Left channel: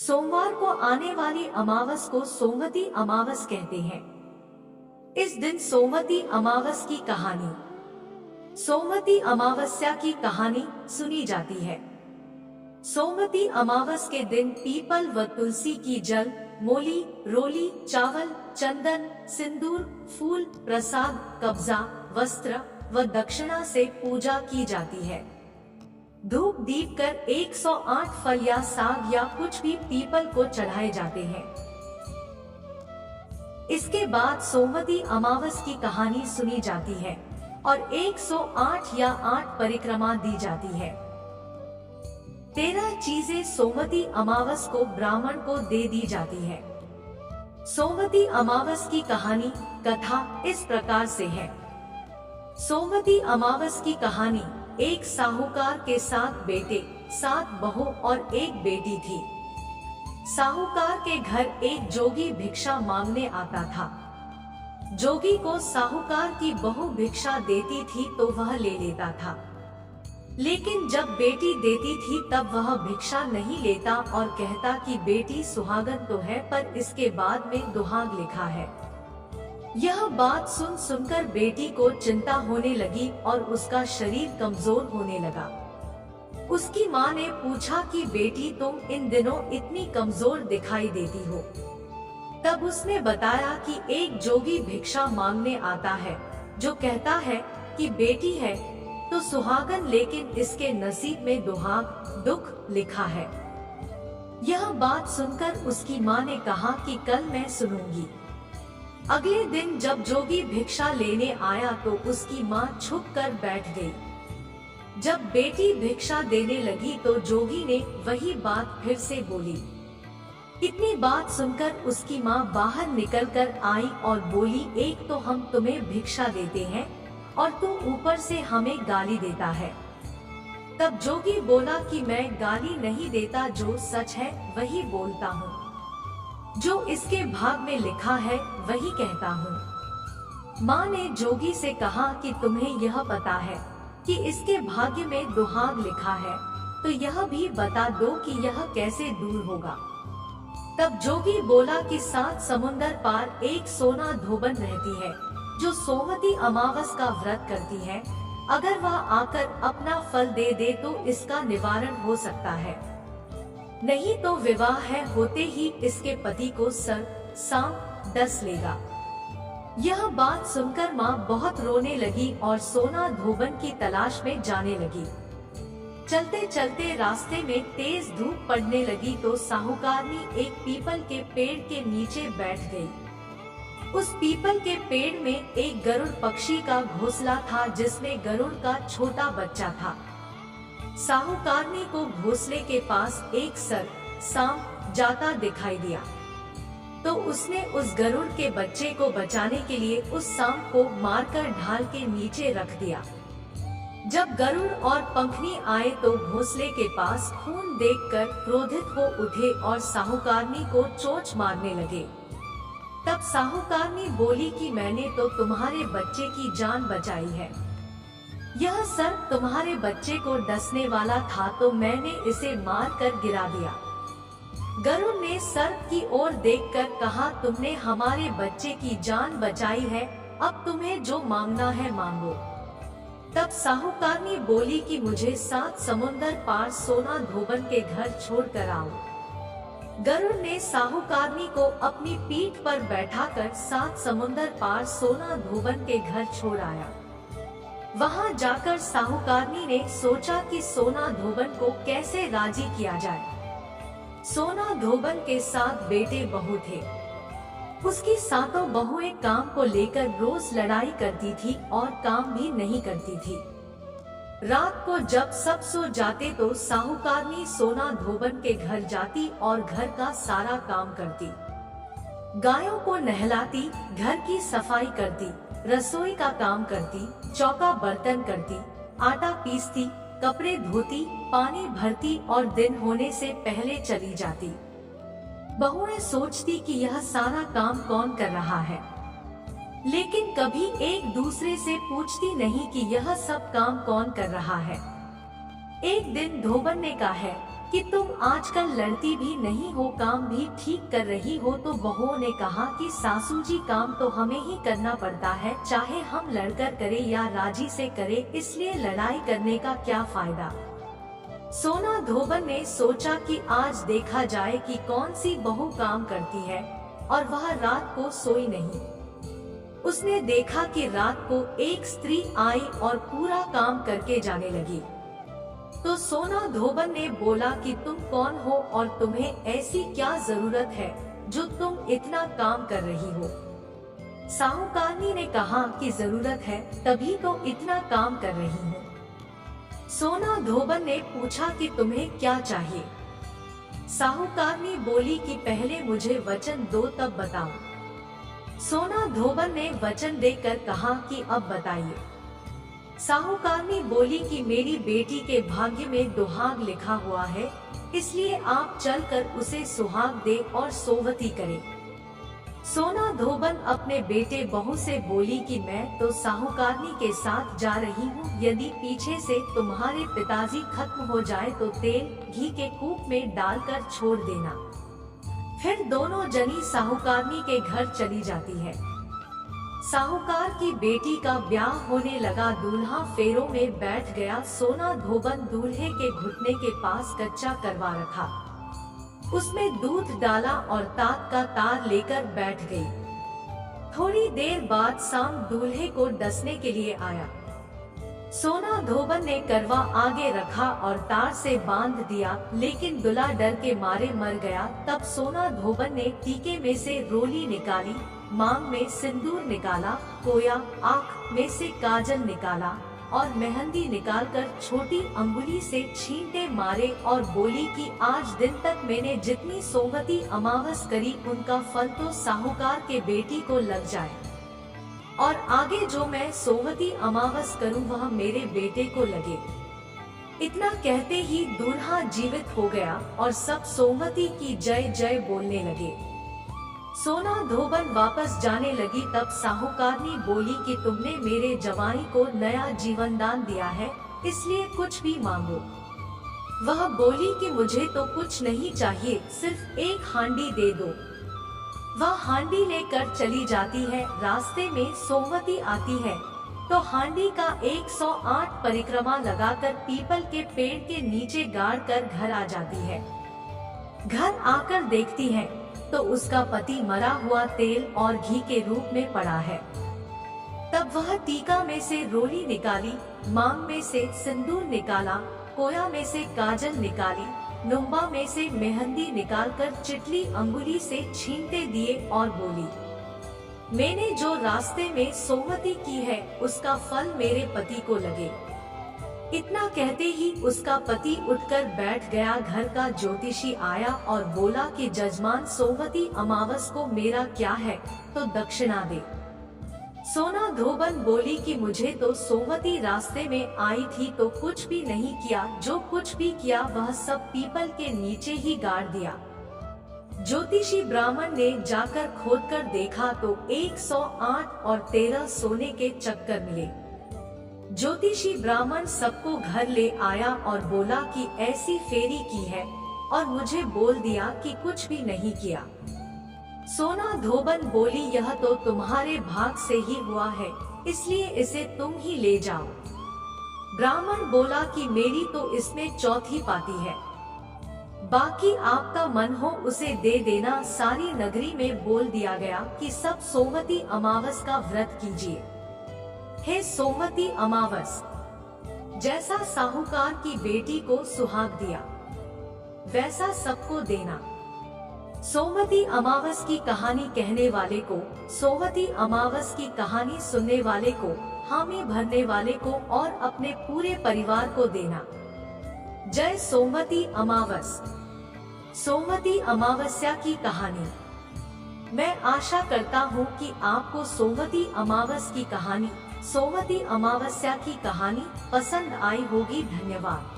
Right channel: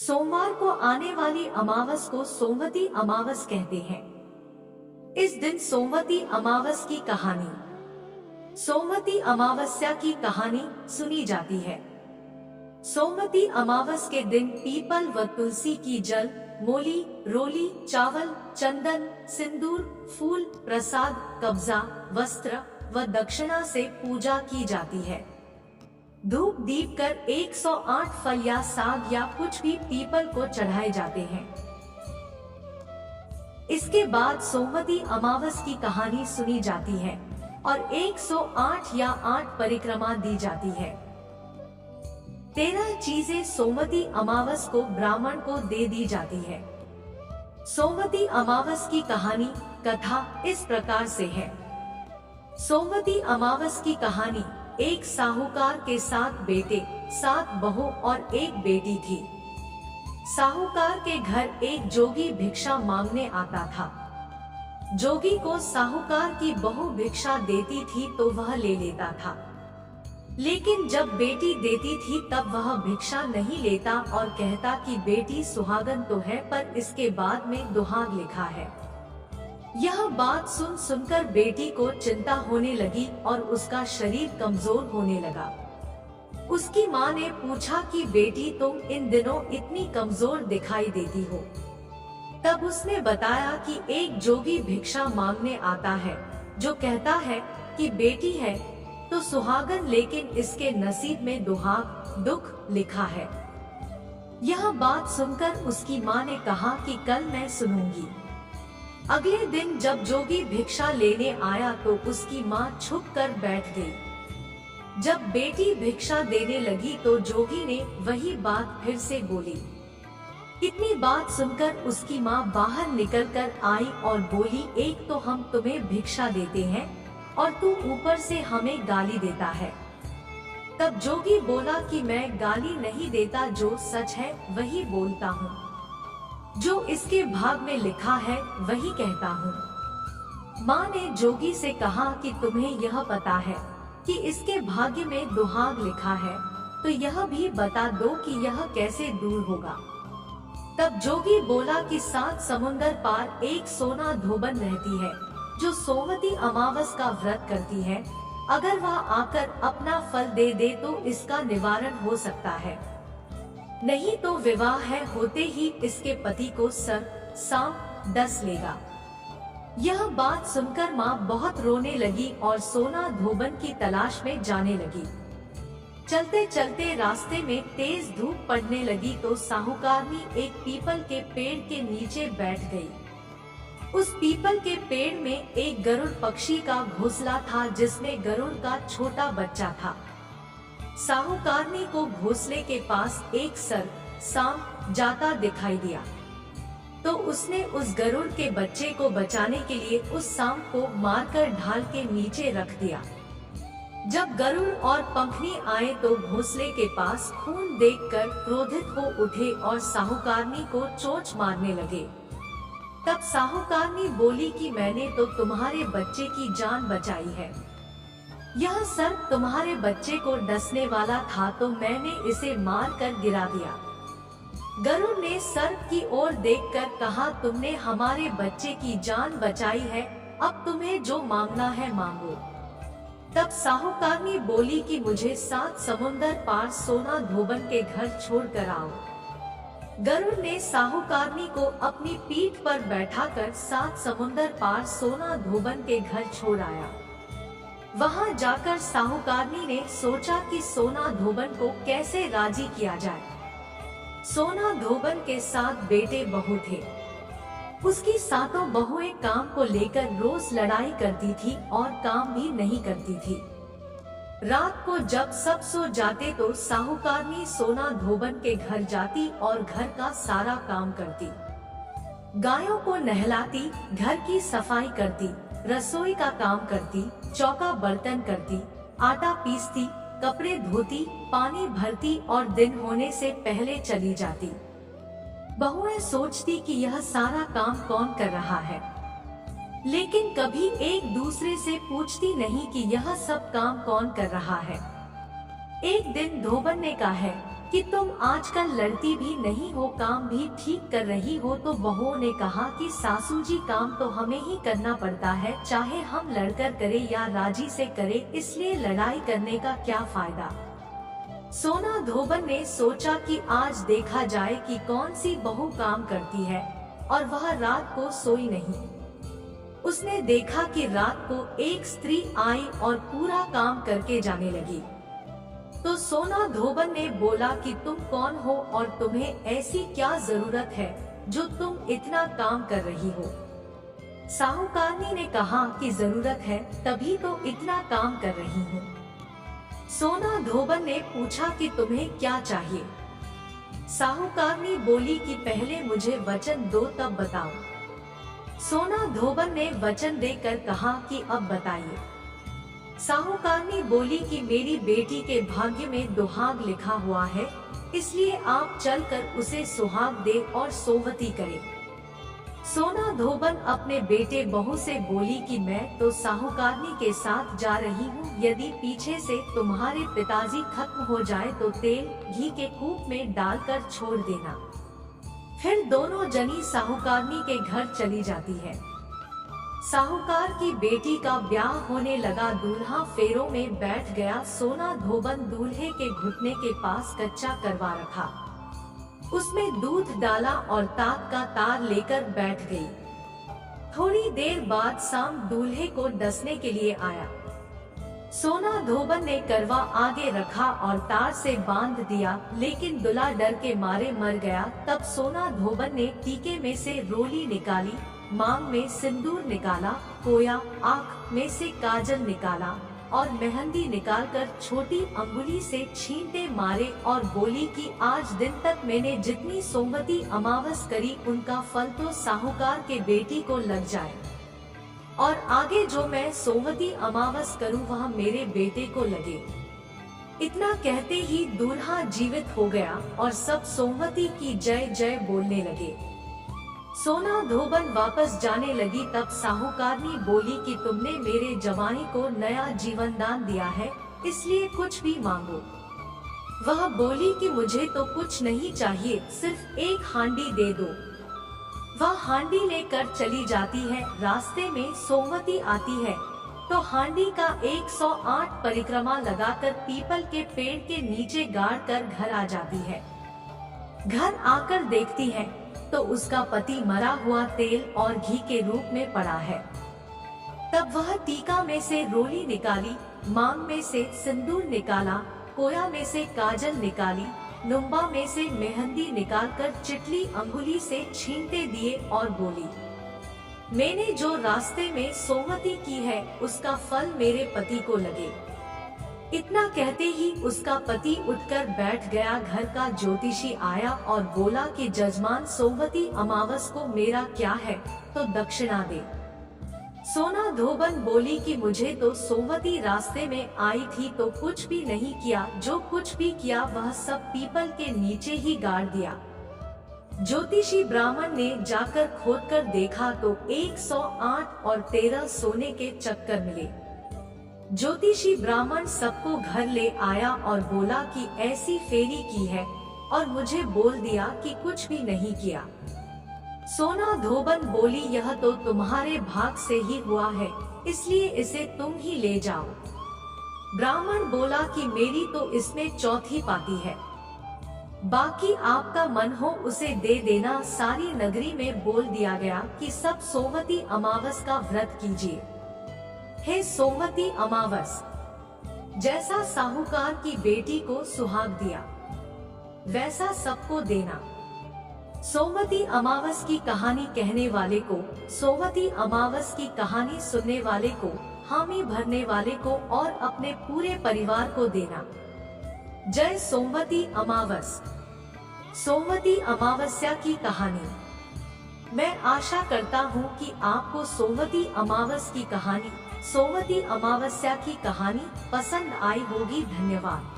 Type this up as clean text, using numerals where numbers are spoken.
सोमवार को आने वाली अमावस को सोमवती अमावस कहते हैं। इस दिन सोमवती अमावस की कहानी, सोमवती अमावस्या की कहानी सुनी जाती है। सोमवती अमावस के दिन पीपल व तुलसी की जल, मोली, रोली, चावल, चंदन, सिंदूर, फूल, प्रसाद, कब्जा, वस्त्र व दक्षिणा से पूजा की जाती है। धूप दीप कर 108 फल या साग या कुछ भी पीपल को चढ़ाए जाते हैं। इसके बाद सोमवती अमावस की कहानी सुनी जाती है और 108 या 8 परिक्रमा दी जाती है। 13 चीजें सोमवती अमावस को ब्राह्मण को दे दी जाती है। सोमवती अमावस की कहानी कथा इस प्रकार से है। सोमवती अमावस की कहानी, एक साहूकार के 7 बेटे, 7 बहू और 1 बेटी थी। साहूकार के घर एक जोगी भिक्षा मांगने आता था। जोगी को साहूकार की बहू भिक्षा देती थी तो वह ले लेता था, लेकिन जब बेटी देती थी तब वह भिक्षा नहीं लेता और कहता कि बेटी सुहागन तो है पर इसके बाद में दुहाग लिखा है। यह बात सुनकर बेटी को चिंता होने लगी और उसका शरीर कमजोर होने लगा। उसकी माँ ने पूछा कि बेटी तुम इन दिनों इतनी कमजोर दिखाई देती हो। तब उसने बताया कि एक जोगी भिक्षा मांगने आता है जो कहता है कि बेटी है तो सुहागन, लेकिन इसके नसीब में दुहाग, दुख लिखा है। यह बात सुनकर उसकी माँ ने कहा कि कल मैं सुनूंगी। अगले दिन जब जोगी भिक्षा लेने आया तो उसकी माँ छुप कर बैठ गई। जब बेटी भिक्षा देने लगी तो जोगी ने वही बात फिर से बोली। इतनी बात सुनकर उसकी माँ बाहर निकलकर आई और बोली, एक तो हम तुम्हें भिक्षा देते हैं और तू ऊपर से हमें गाली देता है। तब जोगी बोला कि मैं गाली नहीं देता, जो सच है वही बोलता हूँ, जो इसके भाग में लिखा है वही कहता हूँ। माँ ने जोगी से कहा कि तुम्हें यह पता है कि इसके भाग्य में दुहाग लिखा है, तो यह भी बता दो कि यह कैसे दूर होगा। तब जोगी बोला कि 7 समुंदर पार एक सोना धोबन रहती है जो सोमवती अमावस का व्रत करती है। अगर वह आकर अपना फल दे दे तो इसका निवारण हो सकता है, नहीं तो विवाह है होते ही इसके पति को सर्प सांप डस लेगा। यह बात सुनकर माँ बहुत रोने लगी और सोना धोबन की तलाश में जाने लगी। चलते चलते रास्ते में तेज धूप पड़ने लगी तो साहूकारनी एक पीपल के पेड़ के नीचे बैठ गई। उस पीपल के पेड़ में एक गरुड़ पक्षी का घोंसला था जिसमें गरुड़ का छोटा बच्चा था। साहूकारनी को घोंसले के पास एक सर्प सांप जाता दिखाई दिया, तो उसने उस गरुड़ के बच्चे को बचाने के लिए उस सांप को मारकर ढाल के नीचे रख दिया। जब गरुड़ और पंखनी आए तो घोंसले के पास खून देखकर क्रोधित हो उठे और साहूकारनी को चोंच मारने लगे। तब साहूकारनी बोली कि मैंने तो तुम्हारे बच्चे की जान बचाई है। यह सर्प तुम्हारे बच्चे को डसने वाला था तो मैंने इसे मार कर गिरा दिया। गरुड़ ने सर्प की ओर देखकर कहा, तुमने हमारे बच्चे की जान बचाई है, अब तुम्हें जो मांगना है मांगो। तब साहूकारनी बोली कि मुझे 7 समुंदर पार सोना धोबन के घर छोड़ कर आओ। गरुड़ ने साहूकारनी को अपनी पीठ पर बैठाकर 7 समुंदर पार सोना धोबन के घर छोड़ आया। वहां जाकर साहूकारनी ने सोचा कि सोना धोबन को कैसे राजी किया जाए। सोना धोबन के 7 बेटे बहू थे। उसकी 7 बहुएं काम को लेकर रोज लड़ाई करती थी और काम भी नहीं करती थी। रात को जब सब सो जाते तो साहूकारनी सोना धोबन के घर जाती और घर का सारा काम करती। गायों को नहलाती, घर की सफाई करती, रसोई का काम करती, चौका बर्तन करती, आटा पीसती, कपड़े धोती, पानी भरती और दिन होने से पहले चली जाती। बहुएं सोचती कि यह सारा काम कौन कर रहा है, लेकिन कभी एक दूसरे से पूछती नहीं कि यह सब काम कौन कर रहा है। एक दिन धोबन ने कहा है कि तुम आजकल लड़ती भी नहीं हो, काम भी ठीक कर रही हो। तो बहुओं ने कहा कि सासू जी, काम तो हमें ही करना पड़ता है, चाहे हम लड़कर करे या राजी से करे, इसलिए लड़ाई करने का क्या फायदा। सोना धोबन ने सोचा कि आज देखा जाए कि कौन सी बहू काम करती है, और वह रात को सोई नहीं। उसने देखा कि रात को एक स्त्री आई और पूरा काम करके जाने लगी। तो सोना धोबन ने बोला कि तुम कौन हो और तुम्हें ऐसी क्या जरूरत है जो तुम इतना काम कर रही हो। साहूकारनी ने कहा कि जरूरत है तभी तो इतना काम कर रही हूँ। सोना धोबन ने पूछा कि तुम्हें क्या चाहिए। साहूकारनी बोली कि पहले मुझे वचन दो तब बताओ। सोना धोबन ने वचन देकर कहा कि अब बताइए। साहूकारनी बोली कि मेरी बेटी के भाग्य में दुहाग लिखा हुआ है, इसलिए आप चलकर उसे सुहाग दे और सोवती करे। सोना धोबन अपने बेटे बहू से बोली कि मैं तो साहूकारनी के साथ जा रही हूँ, यदि पीछे से तुम्हारे पिताजी खत्म हो जाए तो तेल घी के कूप में डालकर छोड़ देना। फिर दोनों जनी साहूकारनी के घर चली जाती है। साहूकार की बेटी का ब्याह होने लगा, दूल्हा फेरों में बैठ गया। सोना धोबन दूल्हे के घुटने के पास कच्चा करवा रखा, उसमें दूध डाला और ताक का तार लेकर बैठ गई। थोड़ी देर बाद शाम दूल्हे को डसने के लिए आया। सोना धोबन ने करवा आगे रखा और तार से बांध दिया, लेकिन दूल्हा डर के मारे मर गया। तब सोना धोबन ने टीके में से रोली निकाली, मांग में सिंदूर निकाला, कोया आँख में से काजल निकाला और मेहंदी निकालकर छोटी अंगुली से छींटे मारे और बोली कि आज दिन तक मैंने जितनी सोमवती अमावस करी उनका फल तो साहूकार के बेटी को लग जाए, और आगे जो मैं सोमवती अमावस करूं वह मेरे बेटे को लगे। इतना कहते ही दूल्हा जीवित हो गया और सब सोमवती की जय जय बोलने लगे। सोना धोबन वापस जाने लगी, तब साहूकारनी बोली कि तुमने मेरे जवाई को नया जीवन दान दिया है, इसलिए कुछ भी मांगो। वह बोली कि मुझे तो कुछ नहीं चाहिए, सिर्फ एक हांडी दे दो। वह हांडी लेकर चली जाती है। रास्ते में सोमवती आती है तो हांडी का 108 परिक्रमा लगाकर पीपल के पेड़ के नीचे गाड़ कर घर आ जाती है। घर आकर देखती है तो उसका पति मरा हुआ तेल और घी के रूप में पड़ा है। तब वह टीका में से रोली निकाली, मांग में से सिंदूर निकाला, कोया में से काजल निकाली, नुम्बा में से मेहंदी निकालकर चिटली अंगुली से छींटे दिए और बोली, मैंने जो रास्ते में सोमवती की है उसका फल मेरे पति को लगे। इतना कहते ही उसका पति उठकर बैठ गया। घर का ज्योतिषी आया और बोला कि जजमान, सोमवती अमावस को मेरा क्या है, तो दक्षिणा दे। सोना धोबन बोली कि मुझे तो सोमवती रास्ते में आई थी तो कुछ भी नहीं किया, जो कुछ भी किया वह सब पीपल के नीचे ही गाड़ दिया। ज्योतिषी ब्राह्मण ने जाकर खोदकर देखा तो 108 और 13 सोने के चक्कर मिले। ज्योतिषी ब्राह्मण सबको घर ले आया और बोला कि ऐसी फेरी की है, और मुझे बोल दिया कि कुछ भी नहीं किया। सोना धोबन बोली, यह तो तुम्हारे भाग से ही हुआ है, इसलिए इसे तुम ही ले जाओ। ब्राह्मण बोला कि मेरी तो इसमें चौथी पाती है, बाकी आपका मन हो उसे दे देना। सारी नगरी में बोल दिया गया कि सब सोमवती अमावस का व्रत कीजिए। हे सोमवती अमावस, जैसा साहूकार की बेटी को सुहाग दिया वैसा सबको देना। सोमवती अमावस की कहानी कहने वाले को, सोमवती अमावस की कहानी सुनने वाले को, हामी भरने वाले को और अपने पूरे परिवार को देना। जय सोमवती अमावस। सोमवती अमावस्या की कहानी। मैं आशा करता हूँ कि आपको सोमवती अमावस की कहानी, सोमवती अमावस्या की कहानी पसंद आई होगी। धन्यवाद।